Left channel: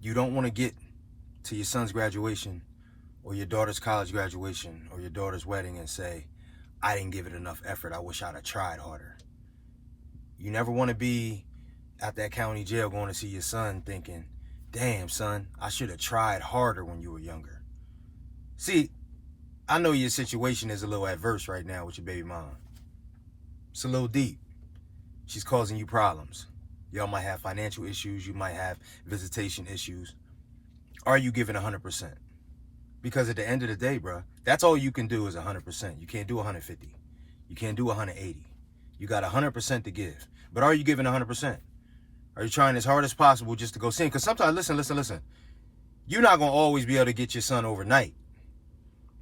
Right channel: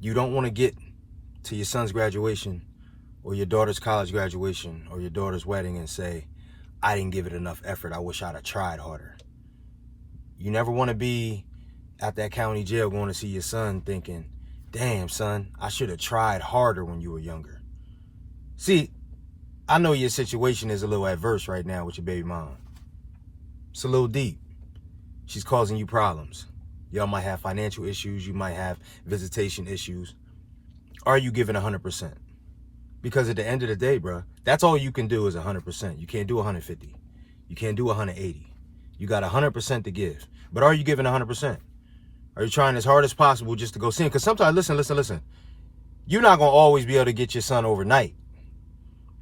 You don't want to get to your son's graduation or your daughter's college graduation or your daughter's wedding and say, I didn't give it enough effort. I wish I'd have tried harder. You never want to be at that county jail going to see your son thinking, damn, son, I should have tried harder when you were younger. See, I know your situation is a little adverse right now with your baby mom. It's a little deep. She's causing you problems. Y'all might have financial issues. You might have visitation issues. Are you giving 100%? Because at the end of the day, bro, that's all you can do is 100%. You can't do 150. You can't do 180. You got 100% to give. But are you giving 100%? Are you trying as hard as possible just to go see him? Because sometimes, listen. You're not going to always be able to get your son overnight.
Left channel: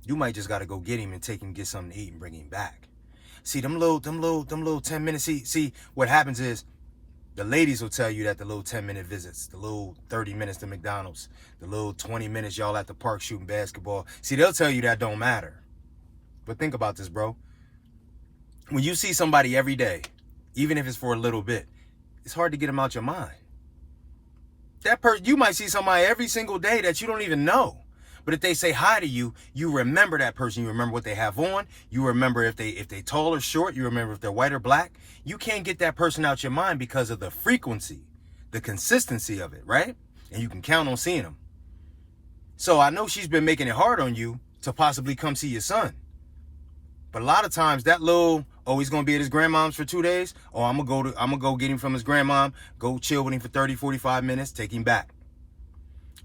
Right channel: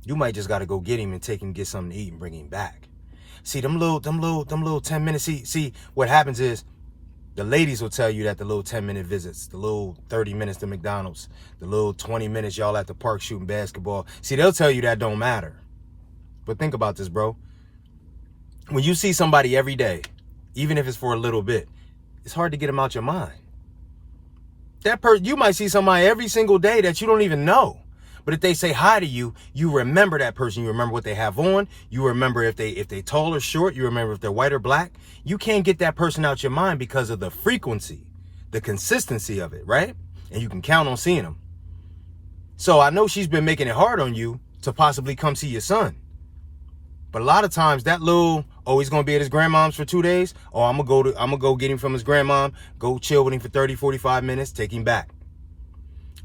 You might just got to go get him and take him, get something to eat and bring him back. See, them little 10 minutes. See, what happens is the ladies will tell you that the little 10-minute visits, the little 30 minutes to McDonald's, the little 20 minutes y'all at the park shooting basketball. See, they'll tell you that don't matter. But think about this, bro. When you see somebody every day, even if it's for a little bit, it's hard to get them out your mind. That person, you might see somebody every single day that you don't even know. But if they say hi to you, you remember that person. You remember what they have on. You remember if they tall or short. You remember if they're white or black. You can't get that person out your mind because of the frequency, the consistency of it, right? And you can count on seeing them. So I know she's been making it hard on you to possibly come see your son. But a lot of times that little, oh, he's going to be at his grandmom's for 2 days. Oh, I'm going to go get him from his grandmom, go chill with him for 30, 45 minutes, take him back.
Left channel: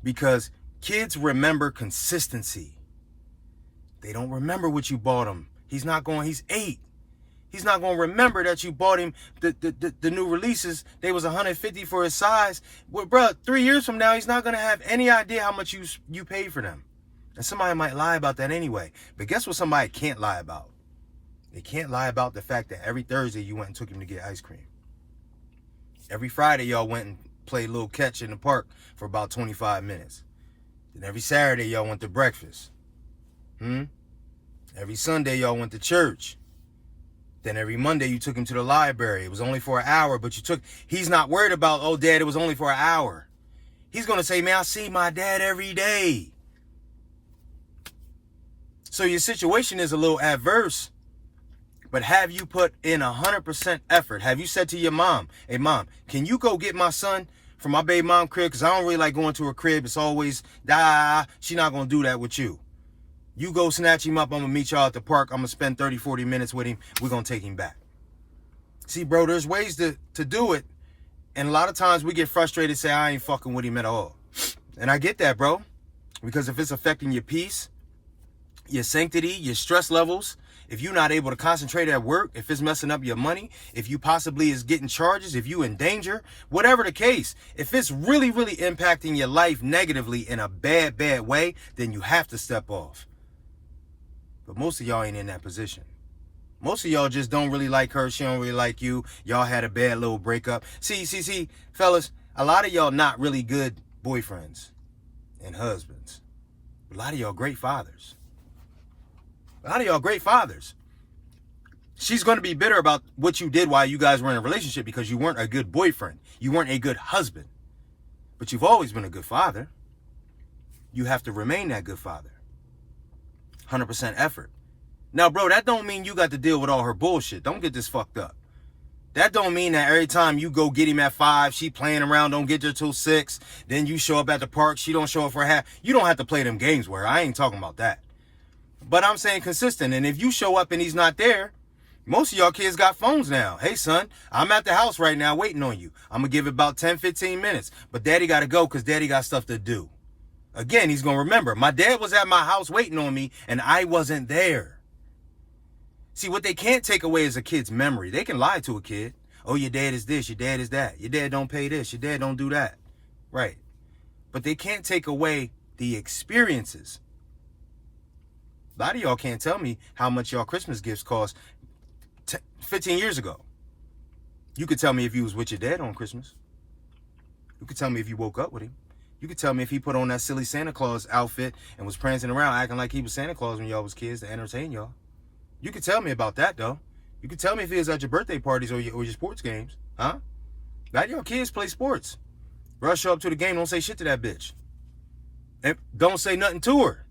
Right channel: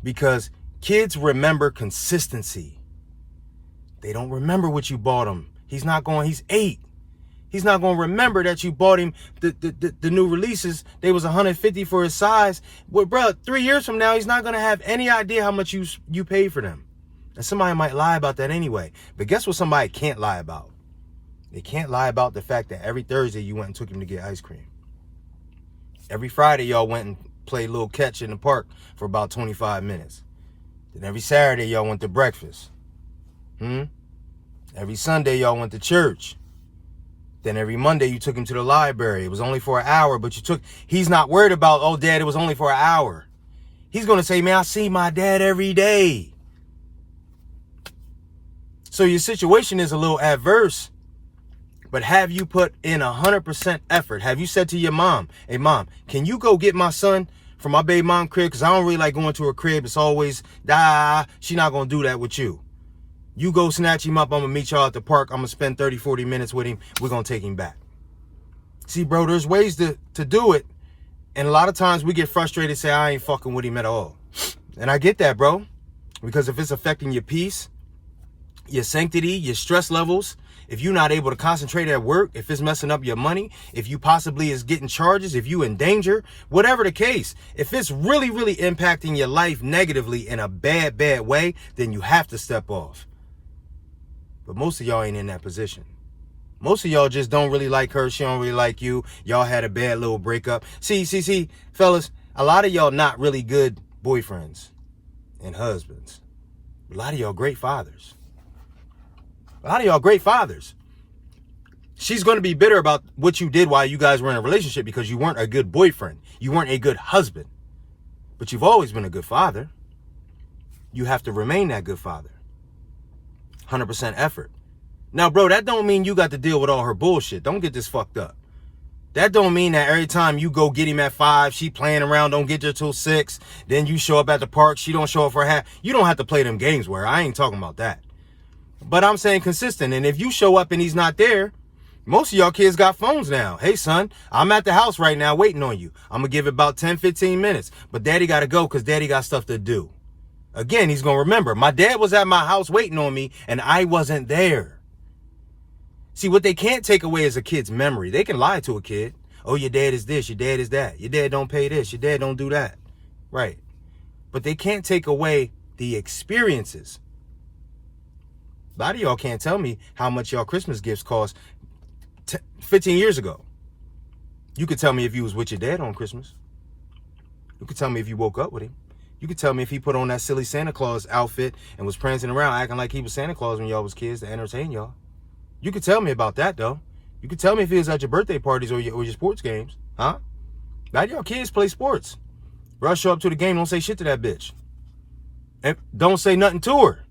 Because kids remember consistency. They don't remember what you bought him. He's 8. He's not going to remember that you bought him the new releases. They was 150 for his size. Well, bro, 3 years from now, he's not going to have any idea how much you paid for them. And somebody might lie about that anyway. But guess what somebody can't lie about? They can't lie about the fact that every Thursday you went and took him to get ice cream. Every Friday y'all went and played a little catch in the park for about 25 minutes. Then every Saturday y'all went to breakfast. Every Sunday y'all went to church. Then every Monday you took him to the library. It was only for an hour, but he's not worried about, oh, Dad, it was only for an hour. He's going to say, man, I see my dad every day. So your situation is a little adverse, but have you put in 100% effort? Have you said to your mom, hey, Mom, can you go get my son from my baby mom crib? Because I don't really like going to her crib. It's always, she's not going to do that with you. You go snatch him up. I'm going to meet y'all at the park. I'm going to spend 30, 40 minutes with him. We're going to take him back. See, bro, there's ways to do it. And a lot of times we get frustrated, say, I ain't fucking with him at all. And I get that, bro. Because if it's affecting your peace, your sanctity, your stress levels, if you're not able to concentrate at work, if it's messing up your money, if you possibly is getting charges, if you in danger, whatever the case, if it's really, really impacting your life negatively in a bad way, then you have to step off. But most of y'all ain't in that position. Most of y'all just don't really like her. She don't really like you. Y'all had a bad little breakup. See, fellas, a lot of y'all not really good boyfriends and husbands. A lot of y'all great fathers. A lot of y'all great fathers. She's going to be bitter about what you did while you guys were in a relationship because you weren't a good boyfriend. You weren't a good husband. But you've always been a good father. You have to remain that good father. 100% effort. Now, bro, that don't mean you got to deal with all her bullshit. Don't get this fucked up. That don't mean that every time you go get him at 5, she playing around, don't get you till 6. Then you show up at the park, she don't show up for half. You don't have to play them games where I ain't talking about that. But I'm saying consistent. And if you show up and he's not there, most of y'all kids got phones now. Hey, son, I'm at the house right now waiting on you. I'm going to give it about 10, 15 minutes. But daddy got to go because daddy got stuff to do. Again, he's going to remember. My dad was at my house waiting on me and I wasn't there. See, what they can't take away is a kid's memory. They can lie to a kid. Oh, your dad is this. Your dad is that. Your dad don't pay this. Your dad don't do that. Right. But they can't take away the experiences. A lot of y'all can't tell me how much y'all Christmas gifts cost 15 years ago. You could tell me if you was with your dad on Christmas. You could tell me if you woke up with him. You could tell me if he put on that silly Santa Claus outfit and was prancing around acting like he was Santa Claus when y'all was kids to entertain y'all. You could tell me about that, though. You could tell me if he was at your birthday parties or your sports games. Huh? Now y'all kids play sports. Bro, show up to the game, don't say shit to that bitch. And don't say nothing to her.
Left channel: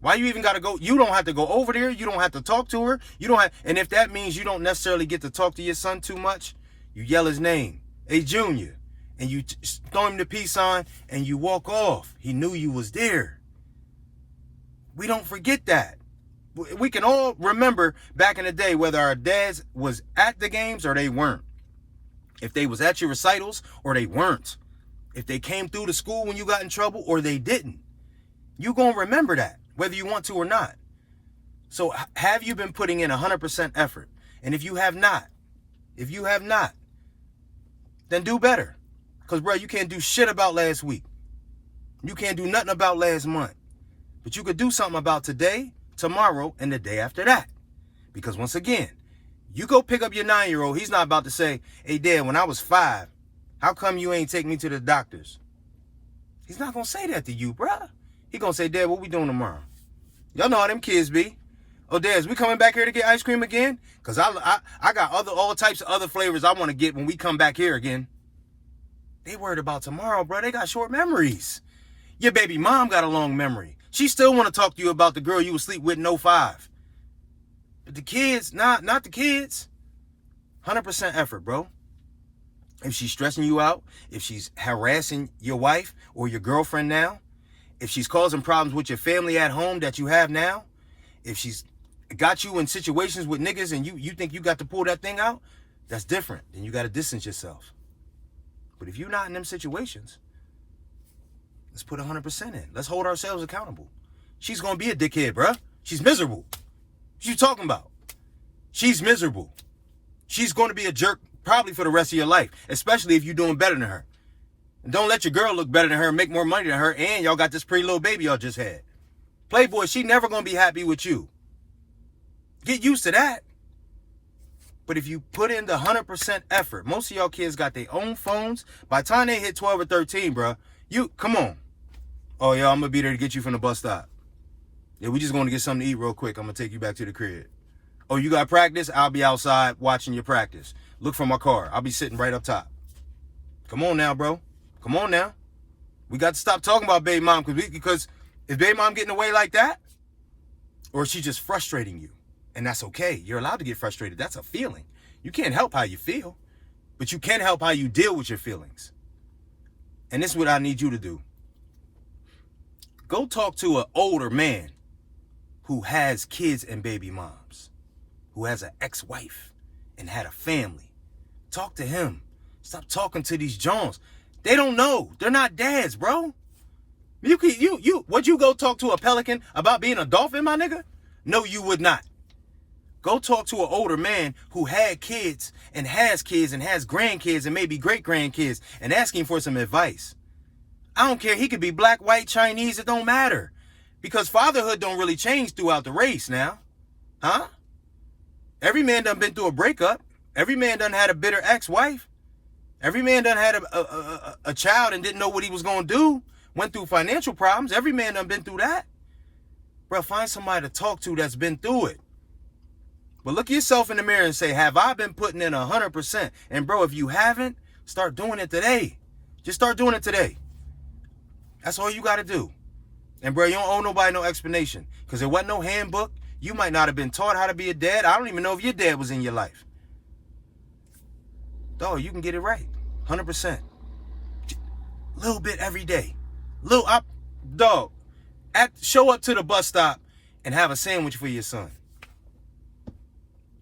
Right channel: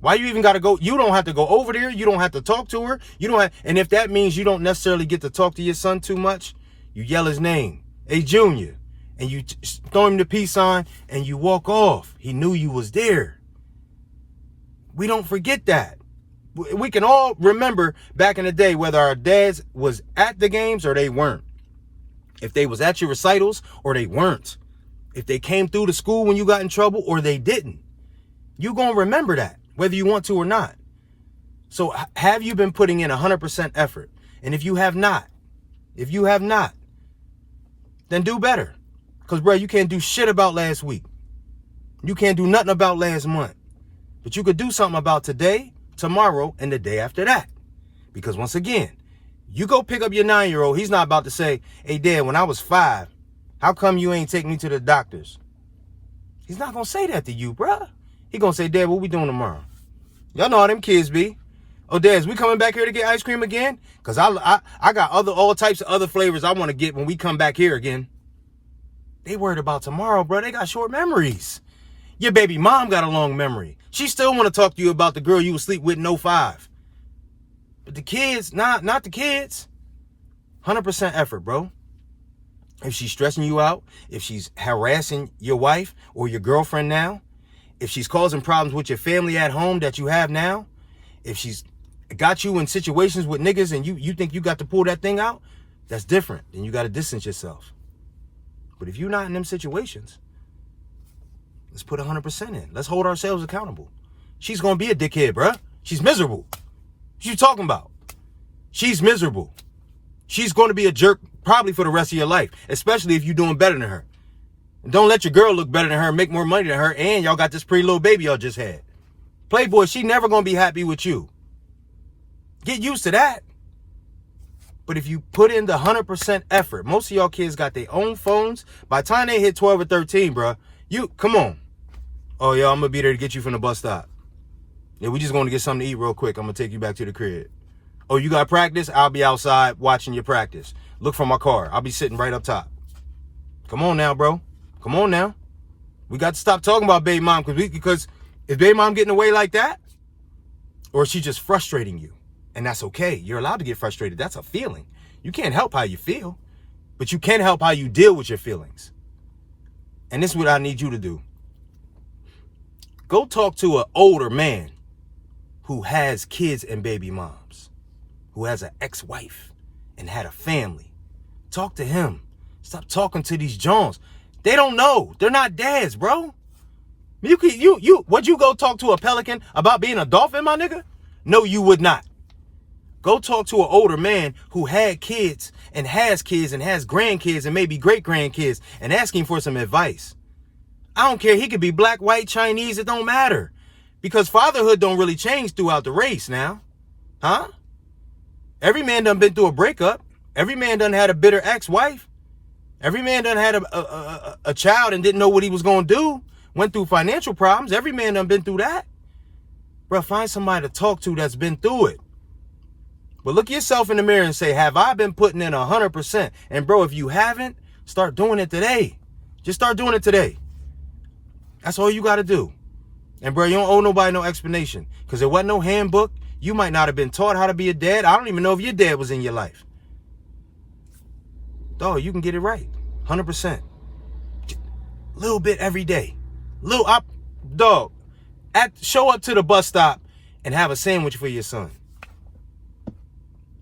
Why you even got to go? You don't have to go over there. You don't have to talk to her. You don't have, and if that means you don't necessarily get to talk to your son too much, you yell his name, hey, Junior, and you throw him the peace sign and you walk off. He knew you was there. We don't forget that. We can all remember back in the day whether our dads was at the games or they weren't. If they was at your recitals or they weren't. If they came through the school when you got in trouble or they didn't. You gonna remember that, whether you want to or not. So have you been putting in 100% effort? And if you have not, then do better. Because, bro, you can't do shit about last week. You can't do nothing about last month. But you could do something about today, tomorrow, and the day after that. Because once again, you go pick up your 9-year-old, he's not about to say, hey, Dad, when I was 5, how come you ain't take me to the doctors? He's not going to say that to you, bruh. He going to say, Dad, what we doing tomorrow? Y'all know how them kids be. Oh, Dad, is we coming back here to get ice cream again? Because I got all types of other flavors I want to get when we come back here again. They worried about tomorrow, bro. They got short memories. Your baby mom got a long memory. She still want to talk to you about the girl you was sleep with in 05. But the kids, not the kids. 100% effort, bro. If she's stressing you out, if she's harassing your wife or your girlfriend now, if she's causing problems with your family at home that you have now, if she's got you in situations with niggas and you think you got to pull that thing out, that's different. Then you got to distance yourself. But if you're not in them situations, let's put 100% in. Let's hold ourselves accountable. She's going to be a dickhead, bruh. She's miserable. What you talking about? She's miserable. She's going to be a jerk probably for the rest of your life, especially if you're doing better than her. And don't let your girl look better than her, make more money than her, and y'all got this pretty little baby y'all just had. Playboy, she never going to be happy with you. Get used to that. But if you put in the 100% effort, most of y'all kids got their own phones. By the time they hit 12 or 13, bro, come on. Oh, yo, I'm going to be there to get you from the bus stop. Yeah, we just going to get something to eat real quick. I'm going to take you back to the crib. Oh, you got practice? I'll be outside watching your practice. Look for my car. I'll be sitting right up top. Come on now, bro. Come on now. We got to stop talking about baby mom because is baby mom getting away like that? Or is she just frustrating you? And that's okay. You're allowed to get frustrated. That's a feeling. You can't help how you feel, but you can help how you deal with your feelings. And this is what I need you to do. Go talk to an older man who has kids and baby moms, who has an ex-wife and had a family. Talk to him. Stop talking to these Jones. They don't know. They're not dads, bro. Would you go talk to a pelican about being a dolphin, my nigga? No, you would not. Go talk to an older man who had kids and has grandkids and maybe great-grandkids and ask him for some advice. I don't care. He could be black, white, Chinese. It don't matter. Because fatherhood don't really change throughout the race now. Huh? Every man done been through a breakup. Every man done had a bitter ex-wife. Every man done had a child and didn't know what he was going to do. Went through financial problems. Every man done been through that. Bro, find somebody to talk to that's been through it. But look yourself in the mirror and say, have I been putting in 100%? And bro, if you haven't, start doing it today. Just start doing it today. That's all you got to do. And bro, you don't owe nobody no explanation. Because there wasn't no handbook. You might not have been taught how to be a dad. I don't even know if your dad was in your life. Dog, you can get it right. 100%. Little bit every day. Show up to the bus stop and have a sandwich for your son.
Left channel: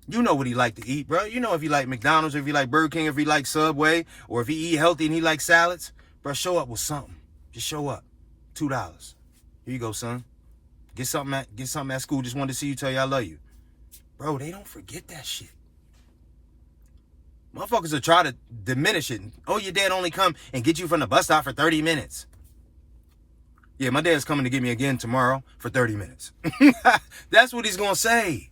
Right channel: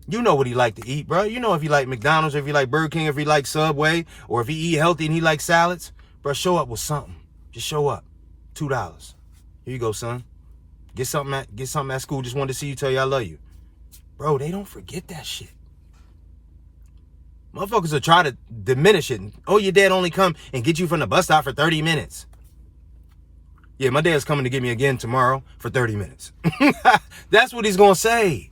You know what he like to eat, bro. You know if he like McDonald's, if he like Burger King, if he like Subway, or if he eat healthy and he like salads. Bro, show up with something. Just show up. $2. Here you go, son. Get something at school. Just wanted to see you, tell you I love you. Bro, they don't forget that shit. Motherfuckers will try to diminish it. Oh, your dad only come and get you from the bus stop for 30 minutes. Yeah, my dad's coming to get me again tomorrow for 30 minutes. That's what he's going to say.